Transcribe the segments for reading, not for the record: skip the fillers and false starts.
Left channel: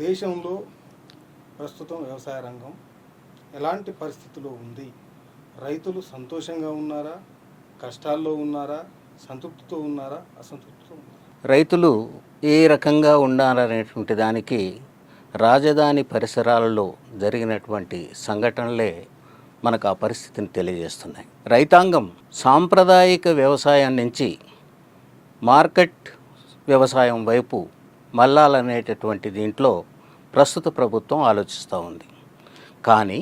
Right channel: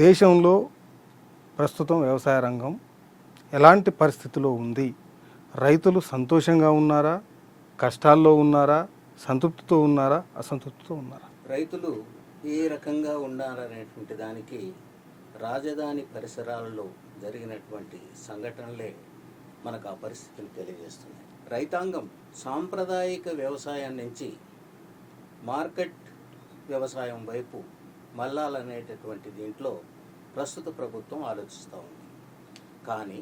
దేశంలో ప్రస్తుతం వ్యవసాయ రంగం ఎలాంటి పరిస్థితిలో ఉంది? రైతులు సంతోషంగా ఉన్నారా, కష్టాల్లో ఉన్నారా, సంతృప్తితో ఉన్నారా, అసంతృప్తితో ఉన్నారా? రైతులు ఏ రకంగా ఉండాలనేటువంటి దానికి రాజధాని పరిసరాలలో జరిగినటువంటి సంఘటనలే మనకు ఆ పరిస్థితిని తెలియజేస్తున్నాయి. రైతాంగం సాంప్రదాయిక వ్యవసాయం నుంచి మార్కెట్ వ్యవసాయం వైపు మళ్ళాలనేటటువంటి దీంట్లో ప్రస్తుత ప్రభుత్వం ఆలోచిస్తూ ఉంది. కానీ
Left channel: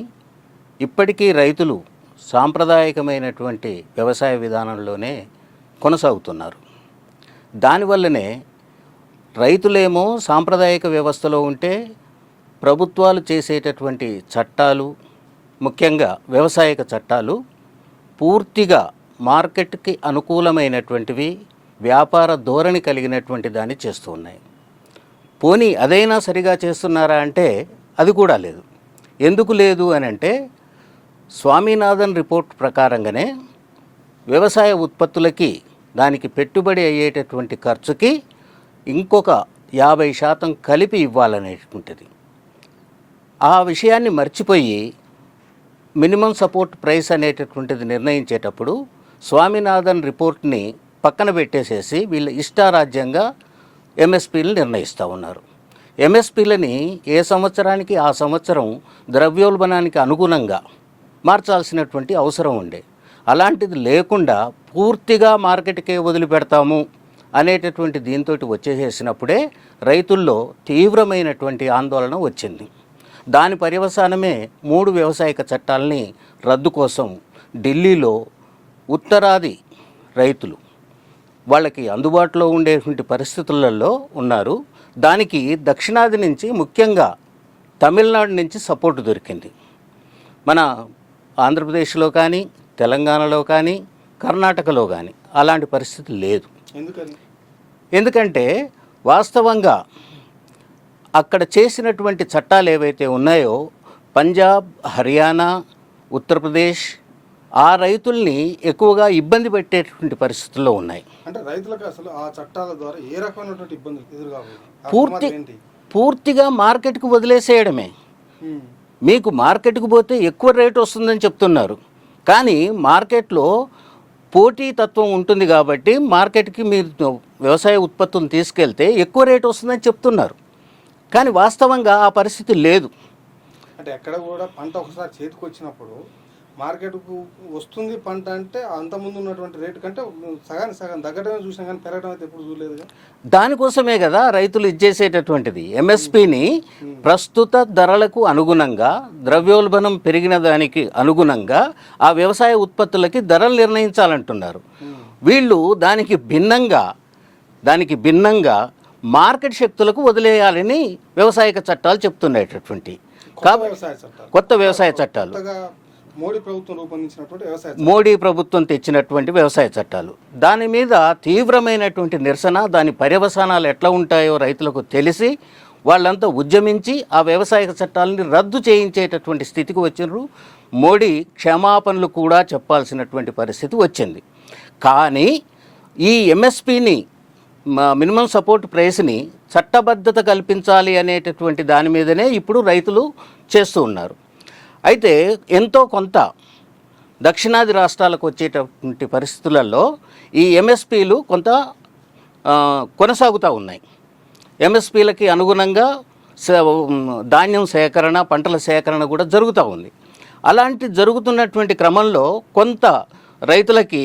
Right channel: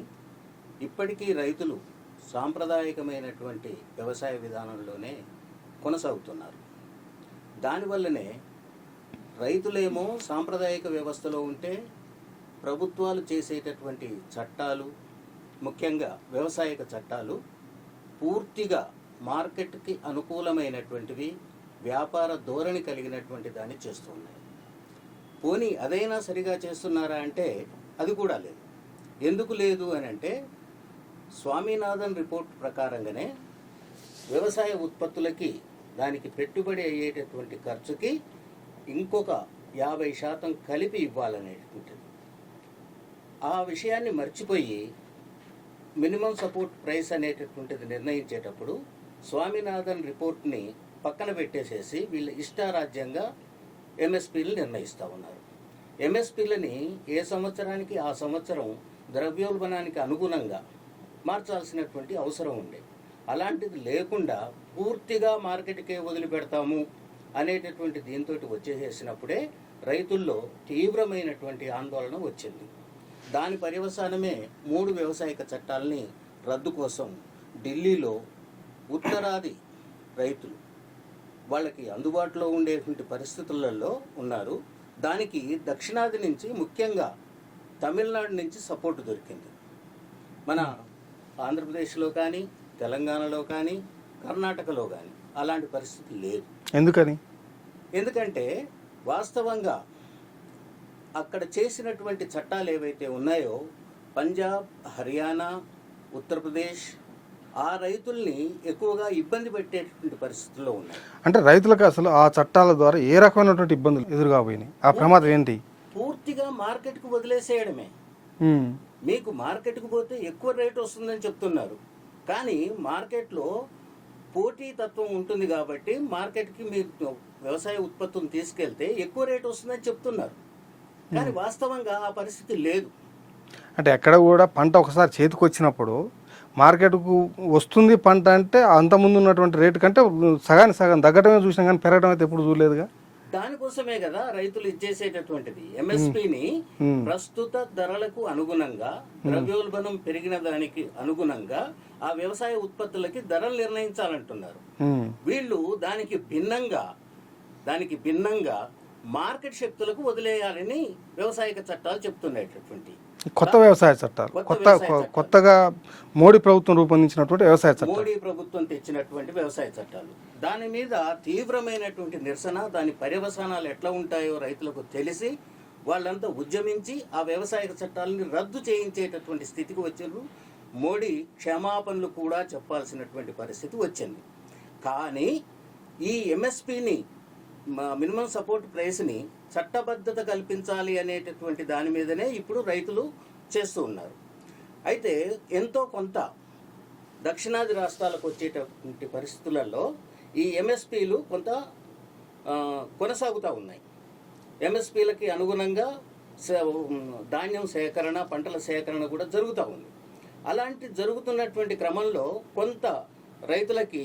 ఇప్పటికీ రైతులు సాంప్రదాయకమైనటువంటి వ్యవసాయ విధానంలోనే కొనసాగుతున్నారు. దానివల్లనే రైతులేమో సాంప్రదాయిక వ్యవస్థలో ఉంటే ప్రభుత్వాలు చేసేటటువంటి చట్టాలు, ముఖ్యంగా వ్యవసాయక చట్టాలు పూర్తిగా మార్కెట్కి అనుకూలమైనటువంటివి, వ్యాపార ధోరణి కలిగినటువంటి దాన్ని చేస్తూ ఉన్నాయి. పోనీ అదైనా సరిగా చేస్తున్నారా అంటే అది కూడా లేదు. ఎందుకు లేదు అని అంటే స్వామినాథన్ రిపోర్ట్ ప్రకారంగానే వ్యవసాయ ఉత్పత్తులకి దానికి పెట్టుబడి అయ్యేటటువంటి ఖర్చుకి ఇంకొక 50% కలిపి ఇవ్వాలనేటువంటిది. ఆ విషయాన్ని మర్చిపోయి మినిమం సపోర్ట్ ప్రైస్ అనేటటువంటిది నిర్ణయించేటప్పుడు స్వామినాథన్ రిపోర్ట్ని పక్కన పెట్టేసేసి వీళ్ళ ఇష్టారాజ్యంగా ఎంఎస్పీలు నిర్ణయిస్తూ ఉన్నారు. ఎంఎస్పీలని ఏ సంవత్సరానికి ఆ సంవత్సరం ద్రవ్యోల్బణానికి అనుగుణంగా మార్చాల్సినటువంటి అవసరం ఉండే. అలాంటిది లేకుండా పూర్తిగా మార్కెట్కే వదిలిపెడతాము అనేటటువంటి దీంతో వచ్చేసేసినప్పుడే రైతుల్లో తీవ్రమైనటువంటి ఆందోళన వచ్చింది. దాని పర్యవసానమే 3 వ్యవసాయక చట్టాలని రద్దు కోసం ఢిల్లీలో ఉత్తరాది రైతులు వాళ్ళకి అందుబాటులో ఉండేటువంటి పరిస్థితులలో ఉన్నారు. దానికి దక్షిణాది నుంచి, ముఖ్యంగా తమిళనాడు నుంచి సపోర్టు దొరికింది. మన ఆంధ్రప్రదేశ్లో కానీ, తెలంగాణలో కానీ, కర్ణాటకలో కానీ అలాంటి పరిస్థితి లేదు. ఎందుకంటే వాస్తవంగా అక్కడ చేసినటువంటి చట్టాలు ఏవైతే ఉన్నాయో పంజాబ్, హర్యానా, ఉత్తరప్రదేశ్ ఆ రైతుల్ని ఎక్కువగా ఇబ్బంది పెట్టేటువంటి పరిస్థితుల్లో ఉన్నాయి. అంటే రైతులకు అసలు ఆ చట్టాల ద్వారా ఏ రకమైనటువంటి ఇబ్బందులు ఎదురుగాపోయినాయి? పూర్తిగా మార్కెట్కు వదిలేసేయడమే. మీకు మార్కెట్కు పోతే ఎక్కువ రేటు వస్తుందని చెప్తున్నారు. కానీ మార్కెట్లో పోటీతత్వం ఉంటుంది కాబట్టి మార్కెట్కి మీరు వ్యవసాయ ఉత్పత్తులను తీసుకెళ్తే ఎక్కువ రేటు వస్తుందని చెప్తున్నారు. కానీ వాస్తవంగా ఆ పరిస్థితి లేదు. అంటే ఎక్కడ కూడా పంట ఒకసారి చేతికి వచ్చినప్పుడు మార్కెట్కు వస్తుంది పంట అంటే అంతకుముందు ఉన్నటువంటి రేటు కంటే సగం తగ్గటమే చూసినా కానీ పెరగడం అయితే ఎప్పుడు చూడలేదుగా. దానికోసమే కదా రైతులు ఇచ్చేసేటటువంటిది. ఎంఎస్పిని ప్రస్తుత ధరలకు అనుగుణంగా, ద్రవ్యోల్బణం పెరిగిన దానికి అనుగుణంగా ఆ వ్యవసాయ ఉత్పత్తులకి ధరలు నిర్ణయించాలంటున్నారు. వీళ్ళు దానికి భిన్నంగా మార్కెట్ శక్తులకు వదిలేయాలని వ్యవసాయక చట్టాలు చెప్తున్నటువంటి కొత్త వ్యవసాయ చట్టాలు మోడీ ప్రభుత్వం రూపొందించినటువంటి మోడీ ప్రభుత్వం తెచ్చినటువంటి వ్యవసాయ చట్టాలు. దాని మీద తీవ్రమైనటువంటి నిరసన, దాని పర్యవసానాలు ఎట్లా ఉంటాయో రైతులకు తెలిసి వాళ్ళంతా ఉద్యమించి ఆ వ్యవసాయ చట్టాలని రద్దు చేయించేటటువంటి స్థితికి వచ్చినారు. మోడీ క్షమాపణలు కూడా చెప్పాల్సినటువంటి పరిస్థితి వచ్చింది. కానీ ఈ ఎంఎస్పిని, మినిమం సపోర్ట్ ప్రైస్ని చట్టబద్ధత కల్పించాలి అనేటటువంటి దాని మీదనే ఇప్పుడు రైతులు చేస్తూ ఉన్నారు. అయితే ఎంతో కొంత దక్షిణాది రాష్ట్రాలకు వచ్చేటటువంటి పరిస్థితులలో ఈ ఎంఎస్పీలు కొంత కొనసాగుతూ ఉన్నాయి. ఎంఎస్పీలకి అనుగుణంగా ధాన్యం సేకరణ, పంటల సేకరణ కూడా జరుగుతూ ఉంది. అలాంటి జరుగుతున్నటువంటి క్రమంలో కొంత రైతులకి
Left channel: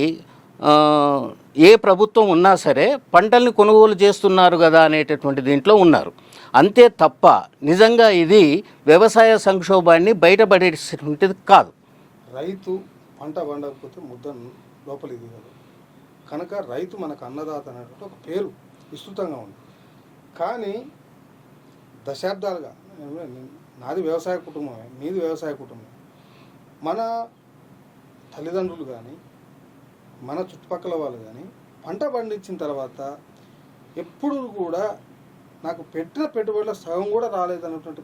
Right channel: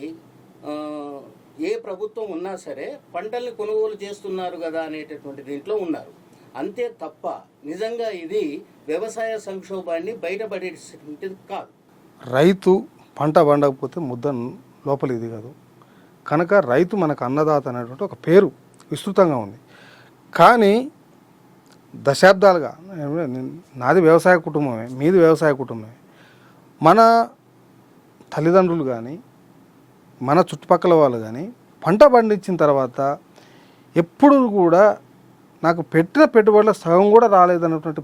ఏ ప్రభుత్వం ఉన్నా సరే పంటల్ని కొనుగోలు చేస్తున్నారు కదా అనేటటువంటి దీంట్లో ఉన్నారు. అంతే తప్ప నిజంగా ఇది వ్యవసాయ సంక్షోభాన్ని బయటపడేటువంటిది కాదు. రైతు పంట పండకపోతే ముద్ద లోపల ఇది కాదు కనుక రైతు మనకు అన్నదాత అనేటువంటి ఒక పేరు విస్తృతంగా ఉంది. కానీ దశాబ్దాలుగా నాది వ్యవసాయ కుటుంబమే, మీది వ్యవసాయ కుటుంబమే. మన తల్లిదండ్రులు కానీ, మన చుట్టుపక్కల వాళ్ళు కానీ పంట పండించిన తర్వాత ఎప్పుడు కూడా నాకు పెట్టిన పెట్టుబడుల సగం కూడా రాలేదన్నటువంటి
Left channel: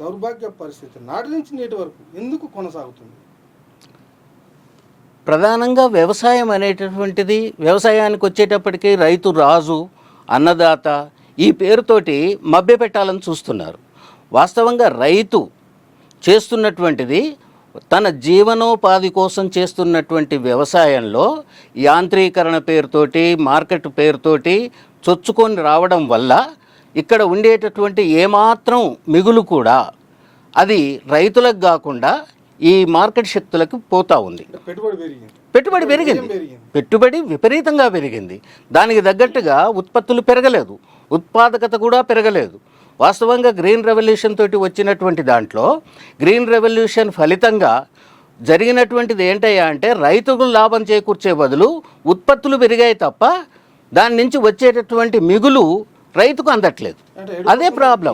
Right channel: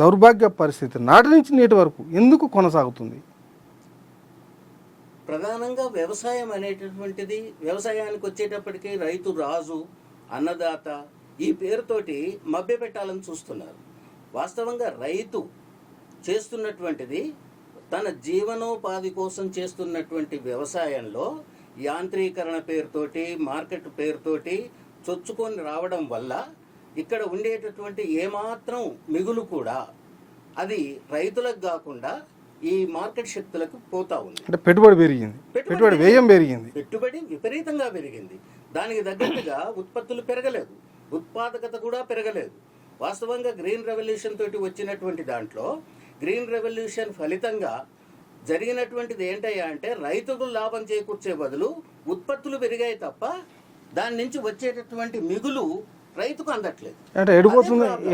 దౌర్భాగ్య పరిస్థితి నాటి నుంచి నేటి వరకు ఎందుకు కొనసాగుతుంది? ప్రధానంగా వ్యవసాయం అనేటటువంటిది, వ్యవసాయానికి వచ్చేటప్పటికీ రైతు రాజు, అన్నదాత ఈ పేరుతోటి మభ్యపెట్టాలని చూస్తున్నారు. వాస్తవంగా రైతు చేస్తున్నటువంటిది తన జీవనోపాధి కోసం చేస్తున్నటువంటి వ్యవసాయంలో యాంత్రీకరణ పేరుతోటి, మార్కెట్ పేరుతోటి చొచ్చుకొని రావడం వల్ల ఇక్కడ ఉండేటటువంటి ఏమాత్రం మిగులు కూడా అది రైతులకు కాకుండా ఈ మార్కెట్ శక్తులకు పోతా ఉంది. అంటే పెట్టుబడి పెరిగింది, పెరిగింది, పెట్టుబడి విపరీతంగా పెరిగింది. దానికి తగ్గట్టుగా ఉత్పత్తులు పెరగలేదు, ఉత్పాదకత కూడా పెరగలేదు. వాస్తవంగా గ్రీన్ రెవల్యూషన్ తోటి వచ్చినటువంటి దాంట్లో గ్రీన్ రెవల్యూషన్ ఫలితంగా జరిగినటువంటిది ఏంటయ్యా అంటే రైతుకు లాభం చేకూర్చే బదులు ఉత్పత్తులు పెరిగాయి తప్ప దాని నుంచి వచ్చేటటువంటి మిగులు రైతుకు అందట్లేదు. అదే ప్రాబ్లం.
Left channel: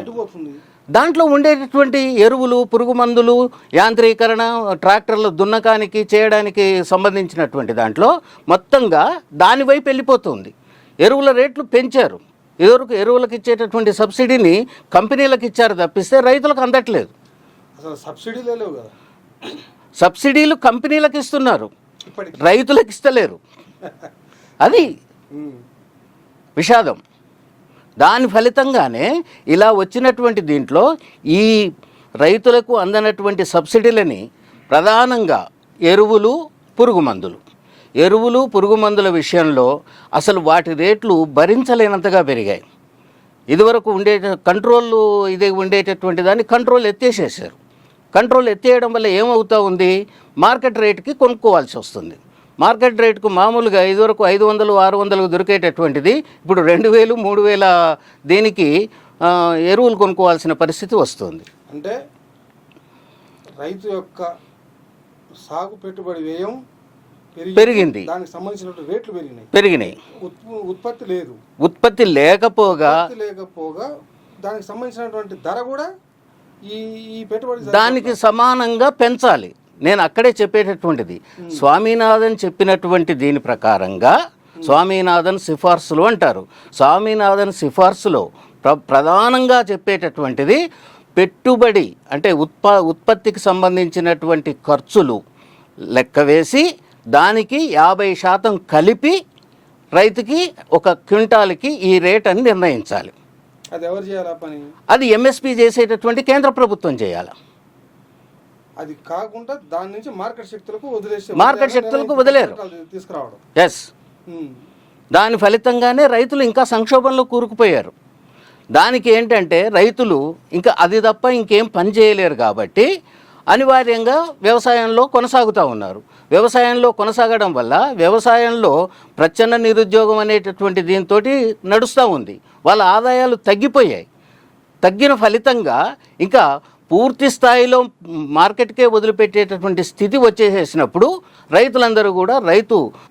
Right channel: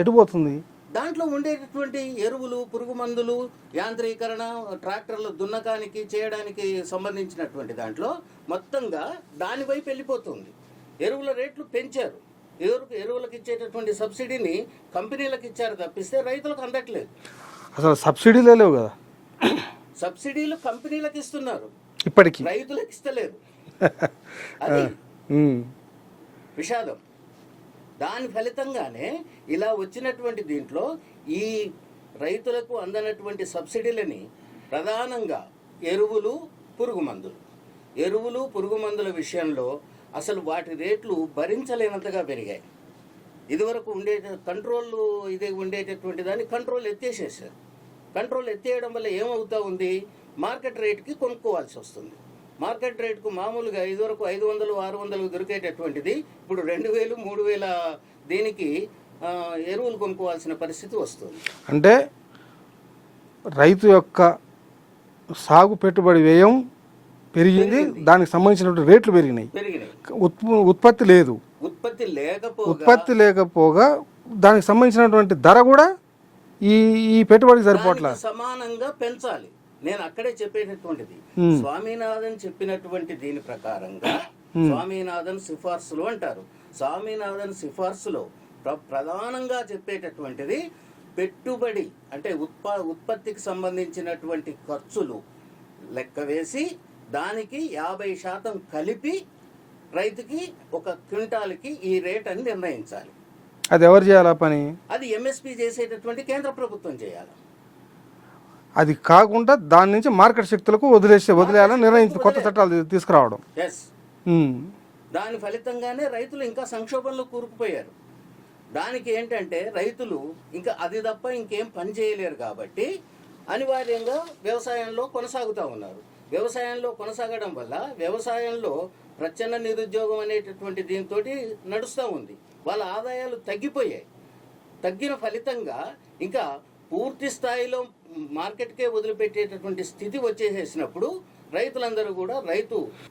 దాంట్లో ఉండేటటువంటి ఎరువులు, పురుగు మందులు, యాంత్రీకరణ, ట్రాక్టర్లు దున్నకానికి చేయడానికి సంబంధించినటువంటి దాంట్లో మొత్తంగా దాని వైపు వెళ్ళిపోతుంది. ఎరువుల రేట్లు పెంచారు. ఎరువులకు ఇచ్చేటటువంటి సబ్సిడీని కంపెనీలకు ఇచ్చారు తప్పిస్తే రైతులకు అందట్లేదు. అసలు సబ్సిడీలే లేవు కదా. సబ్సిడీలు కంపెనీలకు ఇస్తున్నారు, ఇప్పటికి రైతులకు ఇస్తలేరు. అది విషాదం. దాని ఫలితంగానే ఇలా వచ్చినటువంటి దీంట్లో ఈ రైతులకు అందనటువంటి సబ్సిడీలని ప్రధానంగా ఎరువులు, పురుగు మందుల విషయంలో అసలు వాటి రేట్లు భరించలేనంతగా పెరిగాయి. ఇదివరకు ఉండేటటువంటి దాన్ని కంట్రోల్ ఎత్తేసేసారు. కంట్రోల్ ఎత్తేయడం వల్ల ఏమవుతా ఉంది, మార్కెట్ రేటుకి కొనుక్కోవాల్సి వస్తుంది. మార్కెట్ రేటుకు మామూలుగా ఇదివరకు 500, 600 దొరికేటటువంటిది ఇప్పుడు 2000, 3000 దీనికి ఎరువులు కొనుక్కోవాల్సిన పరిస్థితి వస్తుంది. అంటే రైతు యొక్క సాగు పెట్టుబడి వ్యయం పెరిగింది, దానికి సంబంధించినటువంటి రేట్లు పెరిగినాయి. ఉత్పత్తి లేదు, ఉత్పత్తి లేకపోగా దానికి సంబంధించినటువంటి ధర కూడా ఈ పెట్టుబడి దానికి సమానంగా పెంచాలి. నేను అక్కడే చెప్పేటటువంటిది స్వామినాథన్ చెప్పినటువంటి దీని ప్రకారంగా, స్వామినాథన్ సిఫార్సులు అంటారు. స్వామినాథన్ సిఫార్సులో ప్రధానంగా చెప్పేటటువంటిది పెట్టుబడి అంటే ఉత్పత్తికి సంబంధించినటువంటి ఖర్చులు లెక్క వేసి దానికి 50% కలిపి రైతుకి ఒక క్వింటాల్కి ఈ రేట్ అని నిర్ణయించాలి. అది ఎవరు చేయాలా పని? అది ఎంఎస్పి చేసేటటువంటి కేంద్ర ప్రభుత్వం చేయాలి. అది కాకుండా దాని నుంచి మార్కెట్ శక్తులకు తీసుకురావడం. ఎస్, దాని ఫలితంగానే రైతులు ఇంకా సంక్షోభంలో కూరుకుపోయారు. దానికి ఏంటంటే రైతులు ఇంకా అది తప్ప ఇంకేం పని చేయలేరు కాబట్టి అనివార్యంగా వ్యవసాయంలో కొనసాగుతూ ఉన్నారు. వ్యవసాయంలో కొనసాగడం వల్ల వ్యవసాయంలో ప్రచ్ఛన్న నిరుద్యోగం అనేటటువంటి దీంతో నడుస్తూ ఉంది. వాళ్ళ ఆదాయాలు తగ్గిపోయాయి. తగ్గిన ఫలితంగా ఇంకా పూర్తి స్థాయిలో మార్కెట్కే వదిలిపెట్టేటటువంటి స్థితి వచ్చేసేసినప్పుడు రైతులందరూ కూడా రైతు